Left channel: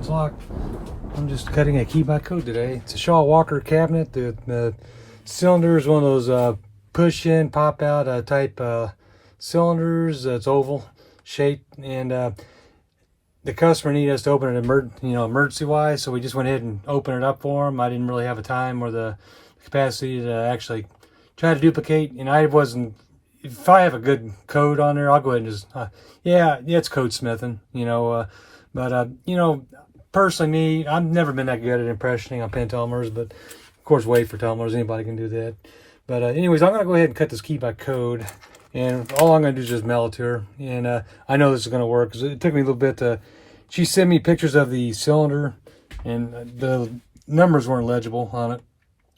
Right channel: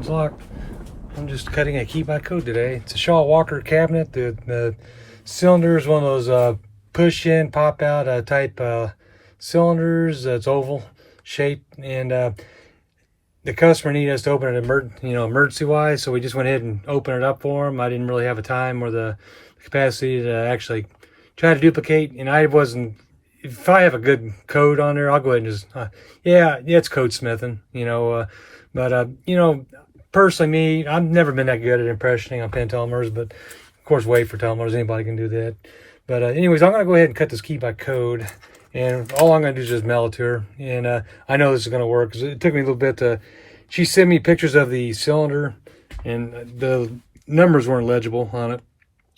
Code's locked. I'm just cutting a key by code today. It's a Shaw Walker cabinet. The cylinder is one of those push in, pop out type cylinders. It's oval shaped, and the customer needed us to open it emergency wise, so we just went ahead and opened it up for him. I didn't really have a time or the capacity to actually try to duplicate, and I wasn't. If I have a good code on there, I'll go ahead and just yeah, it's code smithing, but personally, me, I've never been that good at impressioning on pentelemers, but of course, wait for telemers, anybody can do that. But anyways, I'm gonna go ahead and cut this key by code, and all I'm gonna do is just mail it to her. And I know this is gonna work because it took me a little bit to. She sent me pictures of the cylinder, and the numbers weren't legible on it.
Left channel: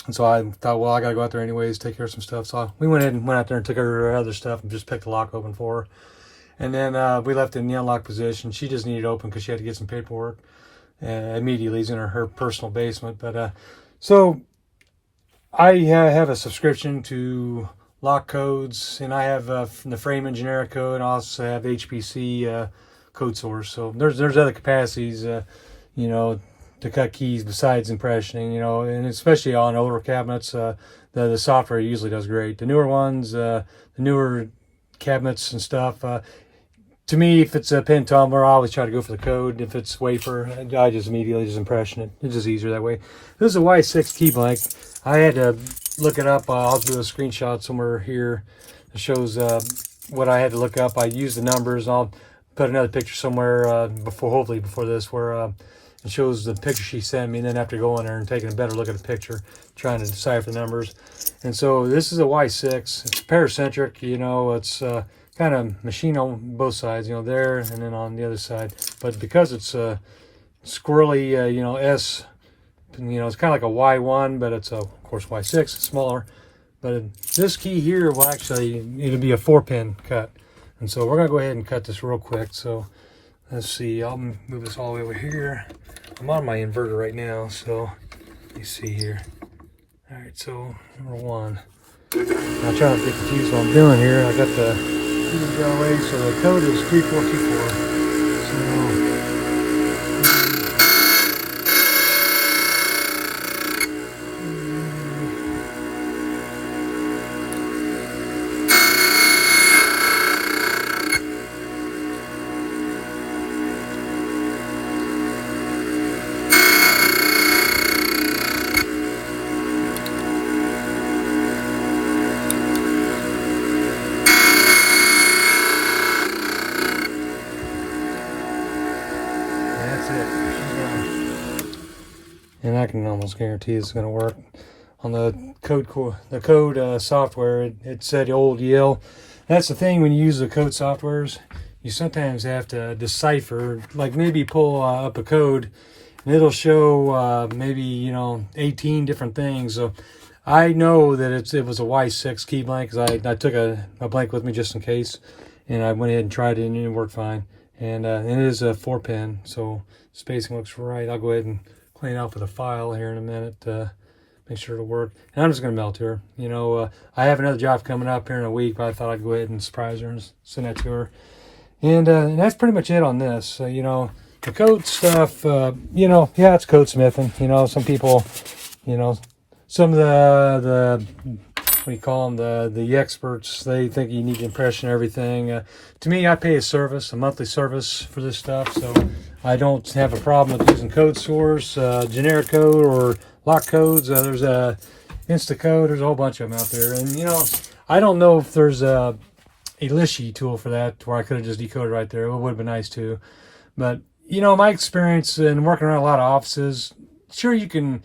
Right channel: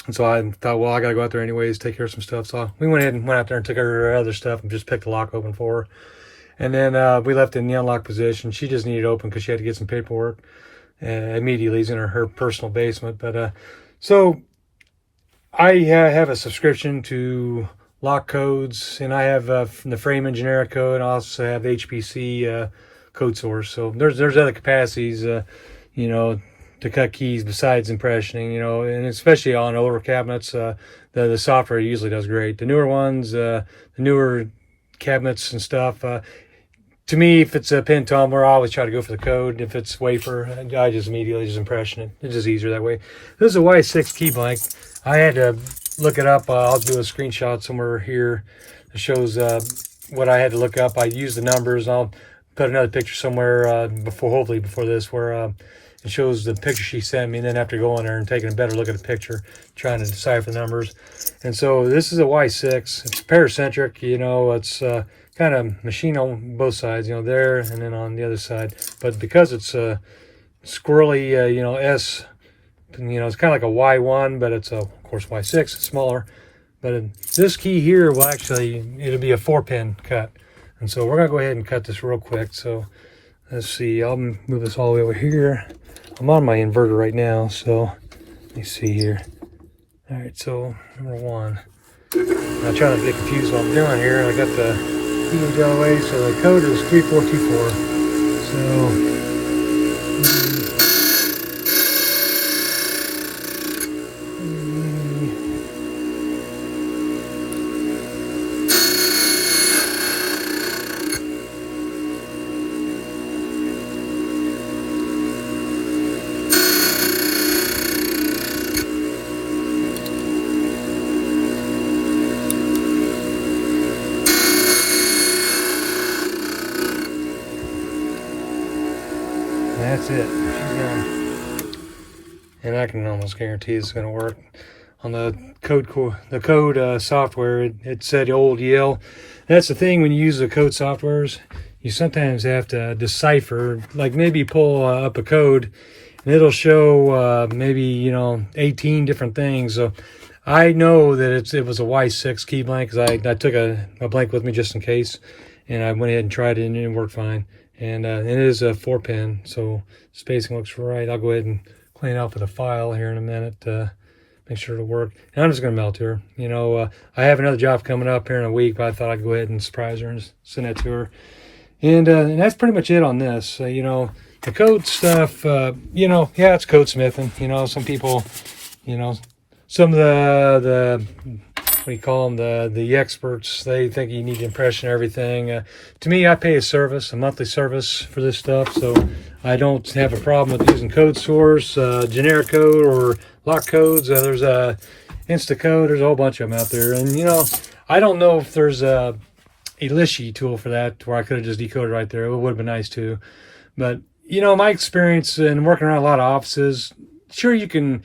And so I thought, well, I gotta go out there anyways, take care of some stuff. So we went ahead and went out there and took her other stuff and just picked the lock open for her. And then we left it in the unlocked position. She just needed it open because she had to get some paperwork. Immediately, it's in her personal basement. But so I have a subscription to lock codes, and I have the Freeman generic code, and I also have the HPC code source. So there's other capacities, to cut keys besides impressioning, and especially on older cabinets, the software usually does great. The newer ones, the newer cabinets and stuff, to me, if it's a pen tumbler, I always try to go for the code. If it's wafer, I just immediately just impression it. It's just easier that way. This is a Y6 key blank. I had to look it up. I'll do a screenshot somewhere here that shows what I had to look up. I used the numbers. I'll put another picture somewhere hopefully before this, where it shows the picture she sent me, and then after going there and taking a better look at the picture, trying to decipher the numbers. And so this is a Y6. It's paracentric, it's kind of machine on both sides, there and then on the other side. But because it's squirrely, S, it's kind of like a Y1, but it's of course Y6, it's smaller. But this key here will it'll be a 4-pin cut. And so we're gonna go ahead and cut this real quick. So let's see, I'll move this all the way over here. I'm on my inverter right now, so let me see here. All right, so number one. I'm trying not to get confused what I'm doing here. I got the down away, so the code is 3424. So that's it. She's done. And I can almost guarantee it's going to work. On the code software, it said old Yale. That's the thing when you use the code softwares. You sometimes have to decipher, like maybe pull up a code, and it'll show maybe 18 different things. So I know that it was a Y6 key blank because I took a blank with me just in case, and I went ahead and tried it and it worked fine. And it is a 4-pin, so spacing looks right. I'll go ahead and clean it up with a file here in a minute to make sure it'll work. And I'm just going to mail it to her. I have another job coming up here in a week, but I thought I'd go ahead and surprise her and send that to her. And that's pretty much it on this. The code stuff, yeah, it's code smithing. Some people, some of the what do you call them, the experts, they think you need to impression everything. To me, I pay a monthly service for this stuff, so I don't have a problem with using code source, generic code, or lock codes. There's Instacode, there's a whole bunch of them out there. And I don't know if there's a Lishy tool for that where I could have just decoded right there. It would have been nice too. But my experience in working around a lot of offices, sure, you can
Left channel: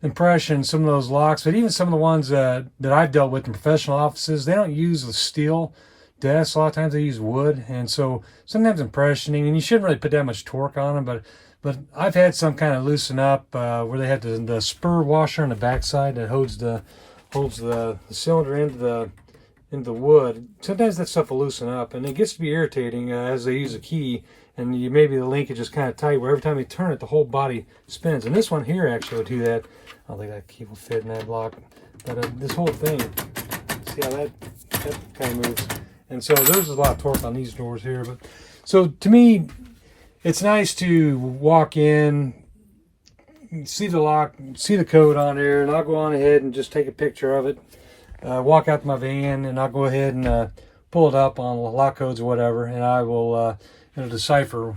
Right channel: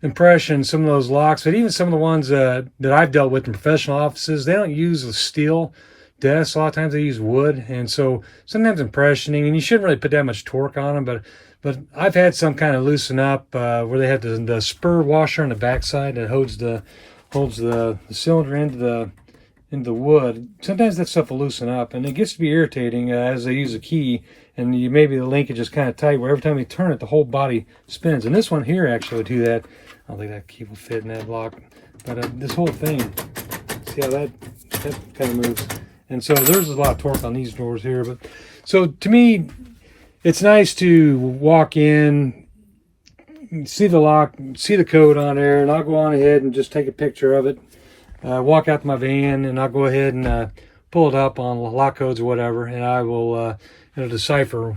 impression some of those locks, but even some of the ones that I've dealt with in professional offices, they don't use the steel desks. A lot of times they use wood, and so sometimes impressioning, and you shouldn't really put that much torque on them, but I've had some kind of loosen up where they have the spur washer on the backside that holds the cylinder into the wood. Sometimes that stuff will loosen up, and it gets to be irritating as they use a key, and maybe the linkage is kind of tight where every time you turn it, the whole body spins. And this one here actually would do that. I don't think that key will fit in that lock, but this whole thing, see how that kind of moves. And so there's a lot of torque on these doors here. But so to me, it's nice to walk in, see the lock, see the code on there, and I'll go on ahead and just take a picture of it. Walk out to my van, and I'll go ahead and pull it up on lock codes or whatever, and I will it'll decipher.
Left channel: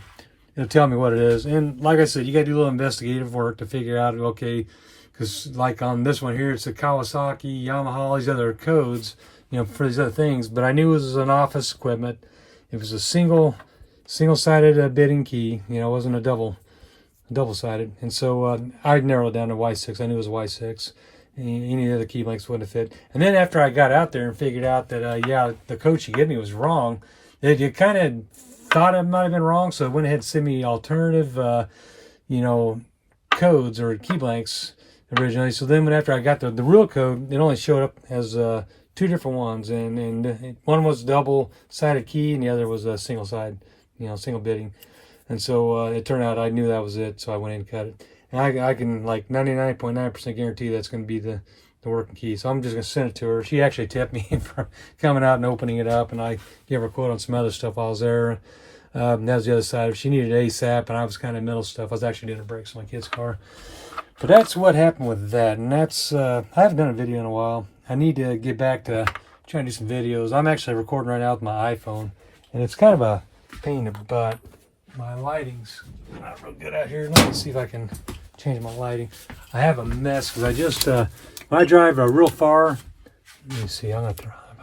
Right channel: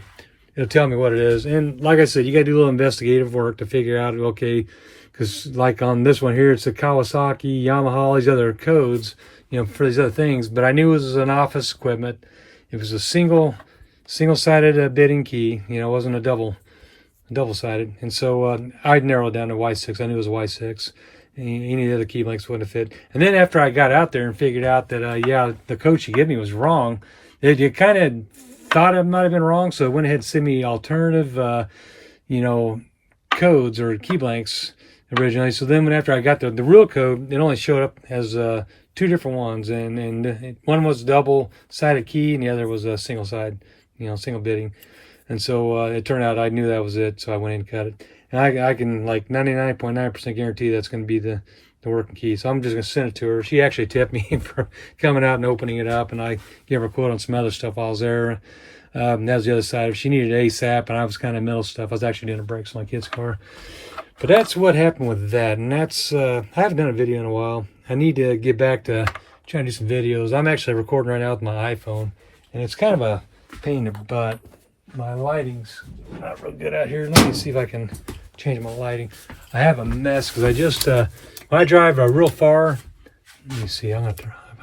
It'll tell me what it is. And like I said, you got to do a little investigative work to figure out, okay, because like on this one here, it's the Kawasaki, Yamaha, all these other codes, you know, for these other things. But I knew it was an office equipment. It was a single-sided bidding key. You know, it wasn't a double-sided. And so I'd narrow it down to Y6. I knew it was Y6. Any of the other key blanks wouldn't have fit. And then after I got out there and figured out that, yeah, the code she gave me was wrong, you kind of thought it might have been wrong, so I went ahead and sent me alternative, you know, codes or key blanks originally. So then after I got the real code, it only showed up as two different ones, and one was double-sided key, and the other was a single-sided, you know, single bidding. And so it turned out I knew that was it, so I went in and cut it. And I can like 99.9% guarantee that's going to be the working key. So I'm just going to send it to her. She actually tipped me for coming out and opening it up, and I gave her a quote on some other stuff while I was there. That was the other side. She needed ASAP, and I was kind of middle stuff. I was actually doing the brakes on my kid's car. But that's what happened with that, and that's I haven't done a video in a while. I need to get back to trying to do some videos. I'm actually recording right now with my iPhone, and it's kind of a pain in the butt. My lighting's not real good out here. Let me see if I can change my lighting. I have a mess because I just when I drive real far. Let me see. I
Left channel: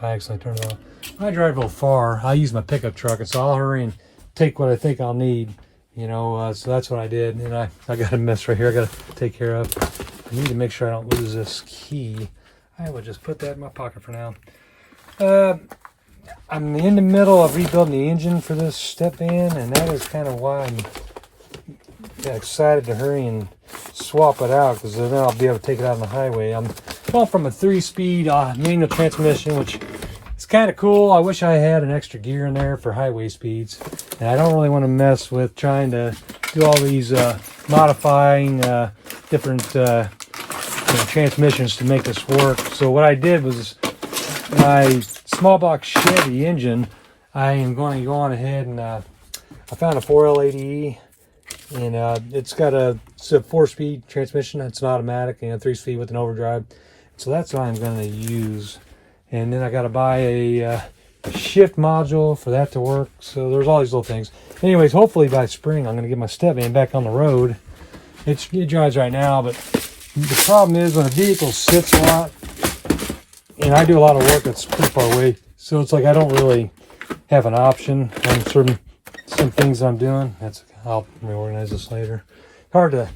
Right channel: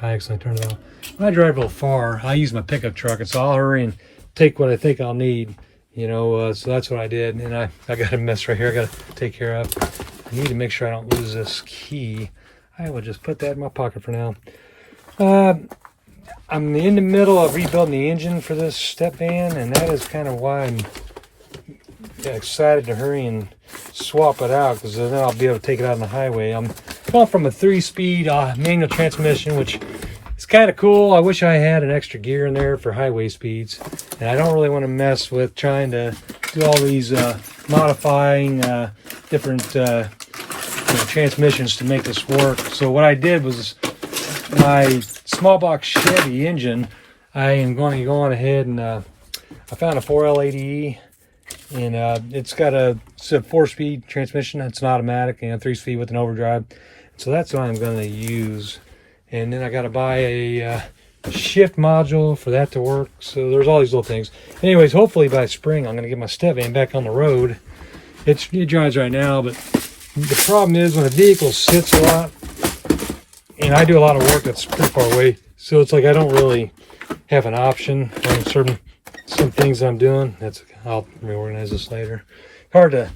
accidentally turned it on. When I drive real far, I use my pickup truck, and so I'll hurry and take what I think I'll need. You know, so that's what I did, and I got a mess right here I got to take care of. I need to make sure I don't lose this key. I will just put that in my pocket for now. I'm in the middle of rebuilding the engine for this step van, and that is kind of why I'm excited to hurry and swap it out, because then I'll be able to take it out on the highway. I'm going from a 3-speed manual transmission, which is kind of cool. I wish I had an extra gear in there for highway speeds, and I don't really want to mess with trying to do all these modifying different you know, transmissions to make this work. So what I did was my small block Chevy engine, I am going to go on ahead and I found a 4L80E, and it's got a 4-speed transmission. It's an automatic, and 3-speed with an overdrive. So that's what I'm going to use. And then I got to buy a shift module for that to work. So there's all these little things. Anyways, hopefully by spring I'm going to get my step van back on the road. It drives right now, but the problem is when a vehicle sits a lot, and I do a lot of work that's pretty far away, so it's like I don't really have an option on some things I'm doing. I'll reorganize this later. Hard to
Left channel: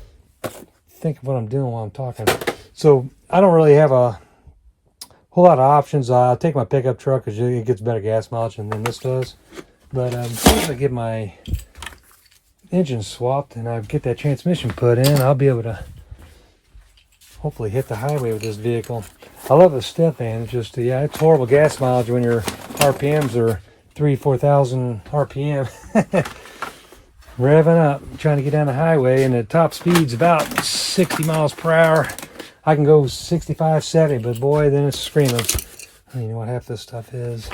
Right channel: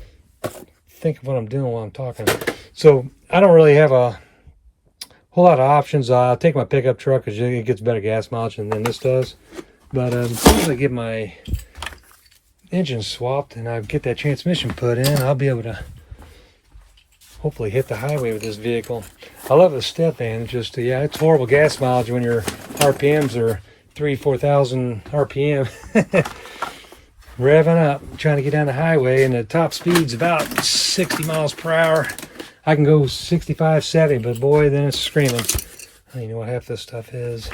think of what I'm doing while I'm talking. So I don't really have a whole lot of options. I'll take my pickup truck because it gets better gas mileage than this does. But as soon as I get my engine swapped and I get that transmission put in, I'll be able to hopefully hit the highway with this vehicle. I love the step van. It's just, yeah, it's horrible gas mileage when your RPMs are 4,000 RPM. Revving up, trying to get down the highway, and the top speed's about 60 miles per hour. I can go 65, 70, but boy, then it's screaming. I don't even know what half this stuff is.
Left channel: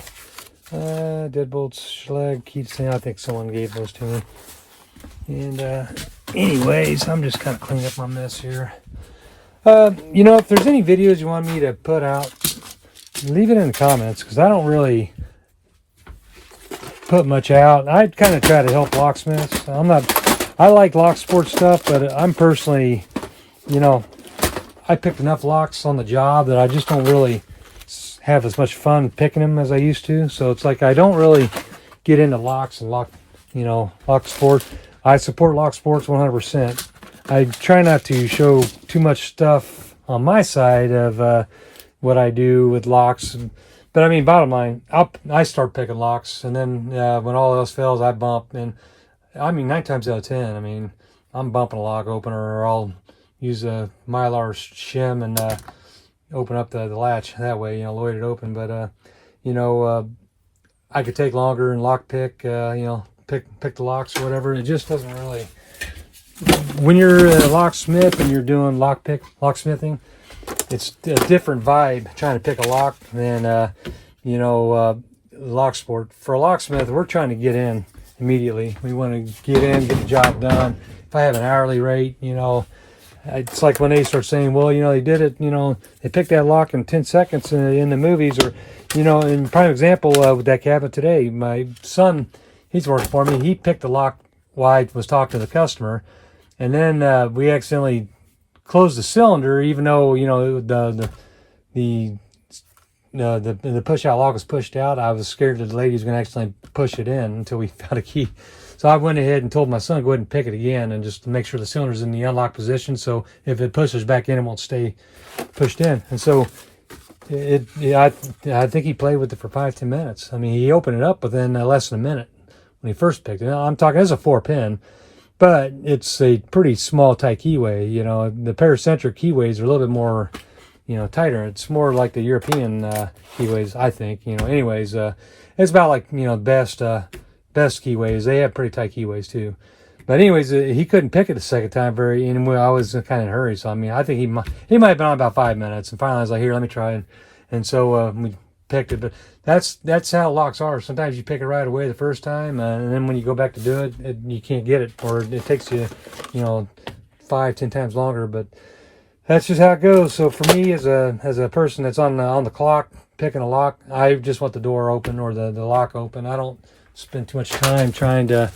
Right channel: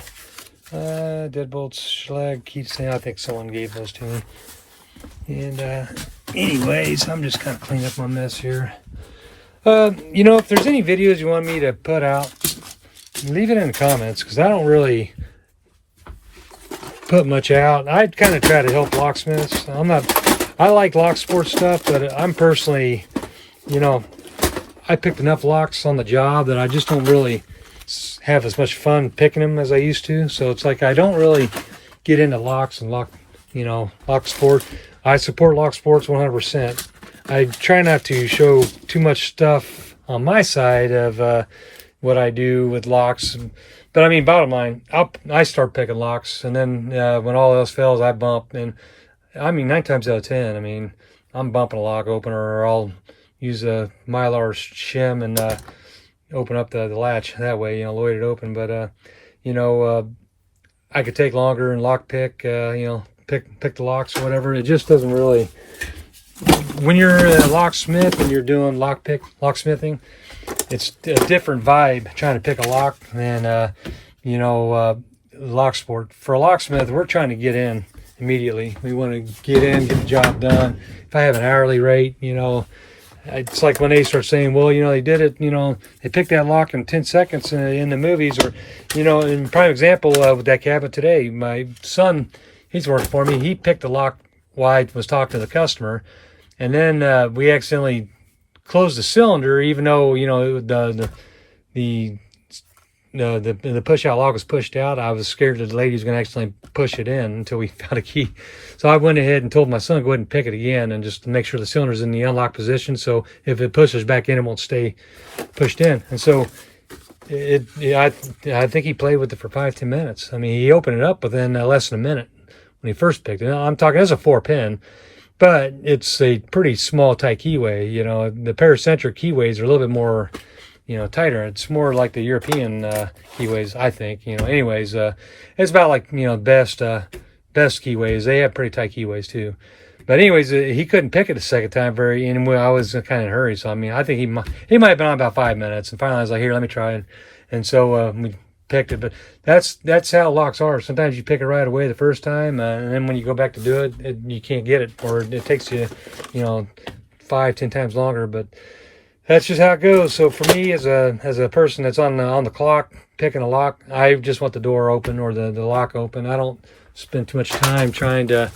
Deadbolts, Schleg, keychain. I think someone gave those to me. And anyways, I'm just kind of cleaning up my mess here. You know, if there's any videos you want me to put out, leave it in the comments, because I don't really put much out. I kind of try to help locksmiths. I like lock sport stuff, but I'm personally, you know, I picked enough locks on the job that I just don't really have as much fun picking them as I used to. So it's like I don't really get into locks and lock sport. I support lock sports 100%. I try not to show too much stuff on my side of what I do with locks. But I mean, bottom line, I start picking locks, and then when all else fails, I bump. And I mean, 9 times out of 10, I mean, I'm bumping a lock opener, or I'll use a Mylar shim and open up the latch that way, you know, load it open. But you know, I could take longer and lock pick, you know, pick the locks or whatever. It just doesn't really. When you're a locksmith and you're doing locksmithing, it's a different vibe trying to pick a lock than you know, lock sport. For a locksmith, we're trying to get in immediately. We want to get in, get the job done. If I have an hourly rate, you know, it's like when they start saying, well, you know, they did it, you know, they picked that lock in 10 seconds in the movies, or, you know, in prime example with that cabinet today, my son, he's working for me. He picked the lock while I was talking to the customer, and then we accidentally closed the cylinder, even though, you know, the push out lock was pushed out. I was scared that the lady was going to accidentally push it in until we found a key. So I went ahead and told my son, go ahead and pick it again, and just to make sure the cylinder's in the unlocked position, so if it pushes back in, it won't stay pushed in. And so I think he played with it for 5-10 minutes. I mean, he opened it up within less than a minute when he first picked it. Now, I'm talking, it's a 4-pin, but it's a pretty small tight keyway. You know, the paracentric keyways are a little bit more, you know, tighter. It's more like the European keyways, I think. You know, anyways, it's about like, you know, best keyways. They have pretty tight keyways too. But anyways, he couldn't pick it the second time and I was kind of in a hurry. So I mean, I think he might have been on about 5 minutes, and finally I was like, here, let me try it. And so we picked it. But that's how locks are. Sometimes you pick it right away the first time, and then when you go back to do it, you can't get it, or it takes you, you know, 5-10 times longer. But that's just how it goes. So for me, as a person that's on the clock picking a lock, I just want the door open or the lock open. I don't spend too much time trying to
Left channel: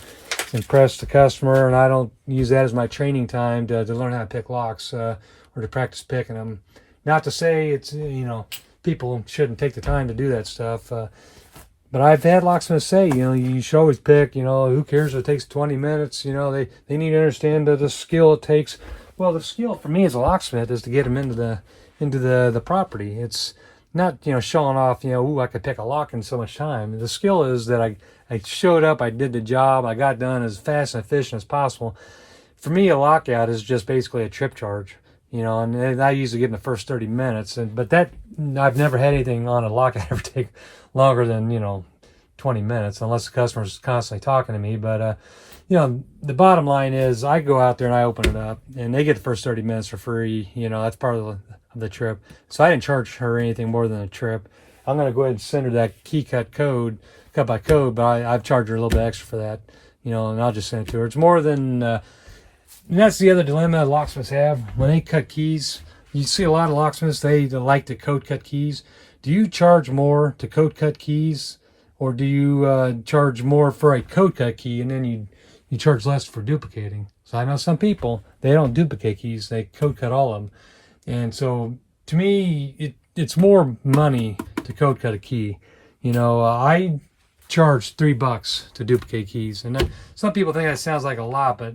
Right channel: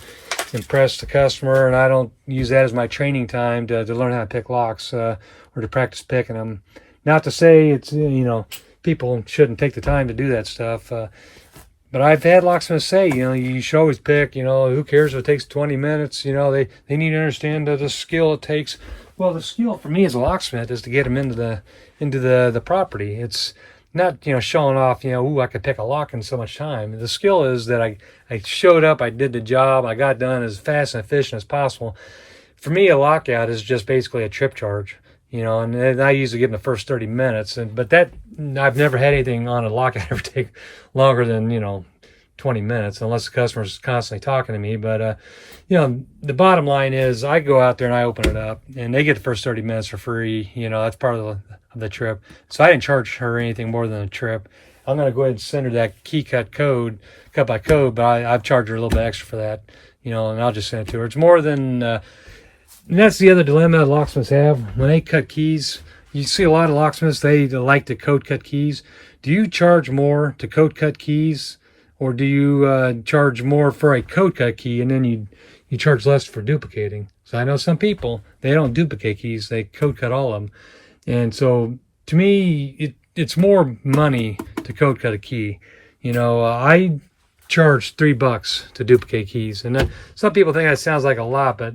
impress the customer, and I don't use that as my training time to learn how to pick locks or to practice picking them. Not to say it's, you know, people shouldn't take the time to do that stuff. But I've had locksmiths say, you know, you should always pick, you know, who cares if it takes 20 minutes, you know, they need to understand the skill it takes. Well, the skill for me as a locksmith is to get them into the property. It's not, you know, showing off, you know, ooh, I could pick a lock in so much time. The skill is that I showed up, I did the job, I got done as fast and efficient as possible. For me, a lockout is just basically a trip charge, you know, and I usually get in the first 30 minutes. But that, I've never had anything on a lockout ever take longer than, you know, 20 minutes, unless the customer's constantly talking to me. But, you know, the bottom line is I go out there and I open it up, and they get the first 30 minutes for free. You know, that's part of the trip. So I didn't charge her anything more than a trip. I'm going to go ahead and send her that key cut by code, but I've charged her a little bit extra for that, you know, and I'll just send it to her. It's more than, and that's the other dilemma locksmiths have. When they cut keys, you see a lot of locksmiths, they like to code cut keys. Do you charge more to code cut keys, or do you charge more for a code cut key and then you charge less for duplicating? So I know some people, they don't duplicate keys, they code cut all of them. And so to me, it's more money to code cut a key. You know, I charge $3 to duplicate keys. And some people think that sounds like a lot, but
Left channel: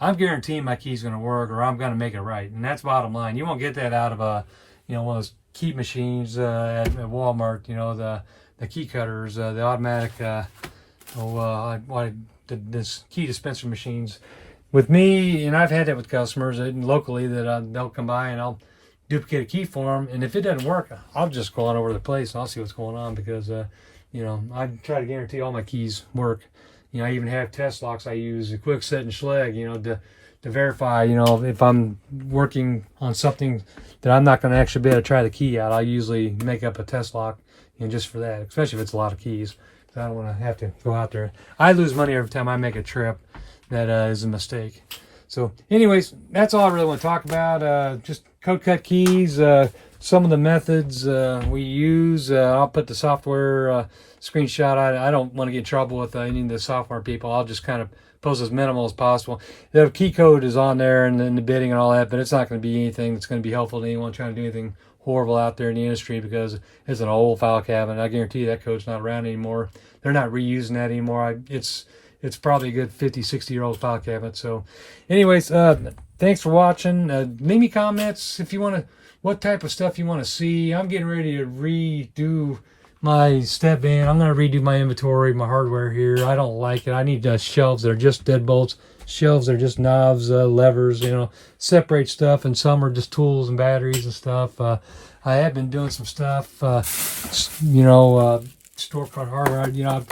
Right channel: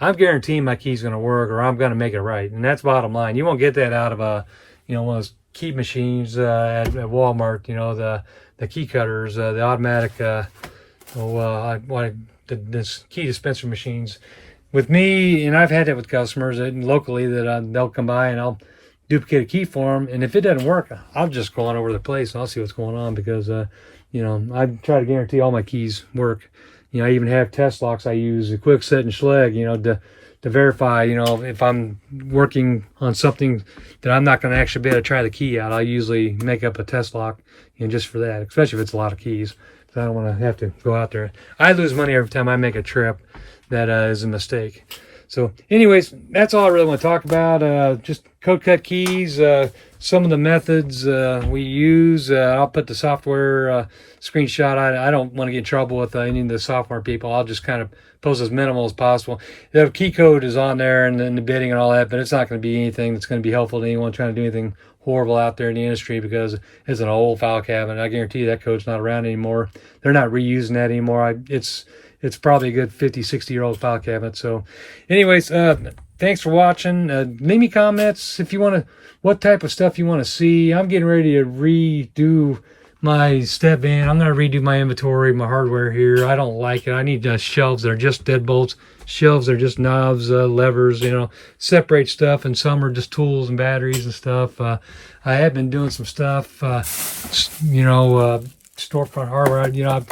I'm guaranteeing my key's going to work, or I'm going to make it right. And that's bottom line. You won't get that out of you know, one of those key machines at Walmart, you know, the key cutters, the automatic, this key dispenser machines. With me, and I've had that with customers locally, that they'll come by and I'll duplicate a key for them, and if it doesn't work, I'll just go on over to the place and I'll see what's going on, because you know, I try to guarantee all my keys work. You know, I even have test locks I use, a quick set and Schlage, you know, to verify, you know, if I'm working on something that I'm not going to actually be able to try the key out. I usually make up a test lock, you know, just for that, especially if it's a lot of keys. I don't want to have to go out there. I lose money every time I make a trip that is a mistake. So anyways, that's all I really want to talk about. Just code cut keys, some of the methods we use. I'll put the software screenshot. I don't want to get in trouble with any of the software people. I'll just kind of post as minimal as possible. The key code is on there, and then the bidding and all that, but it's not going to be anything that's going to be helpful to anyone trying to do anything horrible out there in the industry, because it's an old file cabinet. I guarantee you that code's not around anymore. They're not reusing that anymore. It's probably a good 50, 60-year-old file cabinet. So anyways, thanks for watching. Leave me comments if you want to, what type of stuff you want to see. I'm getting ready to redo my step van. I'm going to redo my inventory, my hardware here. I don't like it. I need shelves that are just deadbolts, shelves that are just knobs, levers, you know, separate stuff, and some are just tools and batteries and stuff. I have been doing some stuff, you know, storefront hardware. You know, I've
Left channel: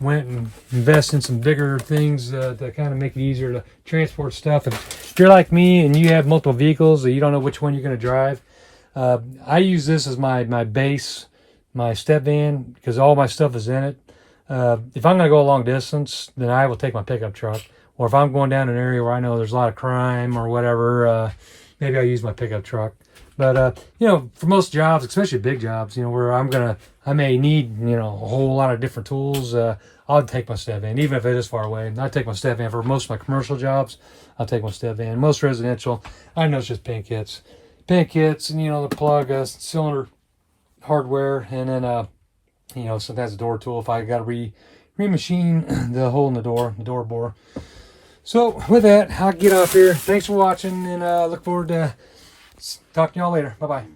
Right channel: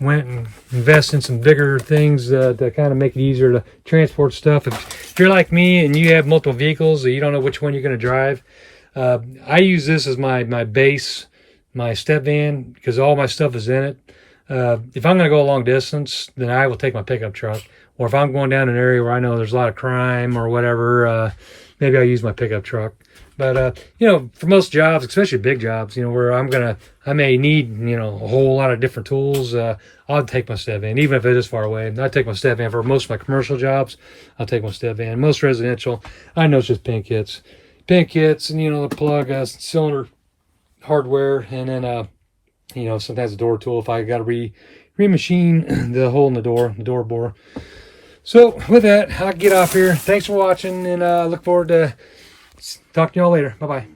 went and invested in some bigger things to kind of make it easier to transport stuff. If you're like me and you have multiple vehicles that you don't know which one you're going to drive, I use this as my base, my step van, because all my stuff is in it. If I'm going to go a long distance, then I will take my pickup truck. Or if I'm going down an area where I know there's a lot of crime or whatever, maybe I'll use my pickup truck. But, you know, for most jobs, especially big jobs, you know, where I may need, you know, a whole lot of different tools, I'll take my step van, even if it is far away. I take my step van for most of my commercial jobs. I'll take my step van. Most residential, I know it's just pin kits. Pin kits and, you know, the plug, cylinder hardware, and then, you know, sometimes a door tool if I got to remachine the hole in the door bore. So with that, I'll get off here. Thanks for watching, and look forward to talking to y'all later. Bye-bye.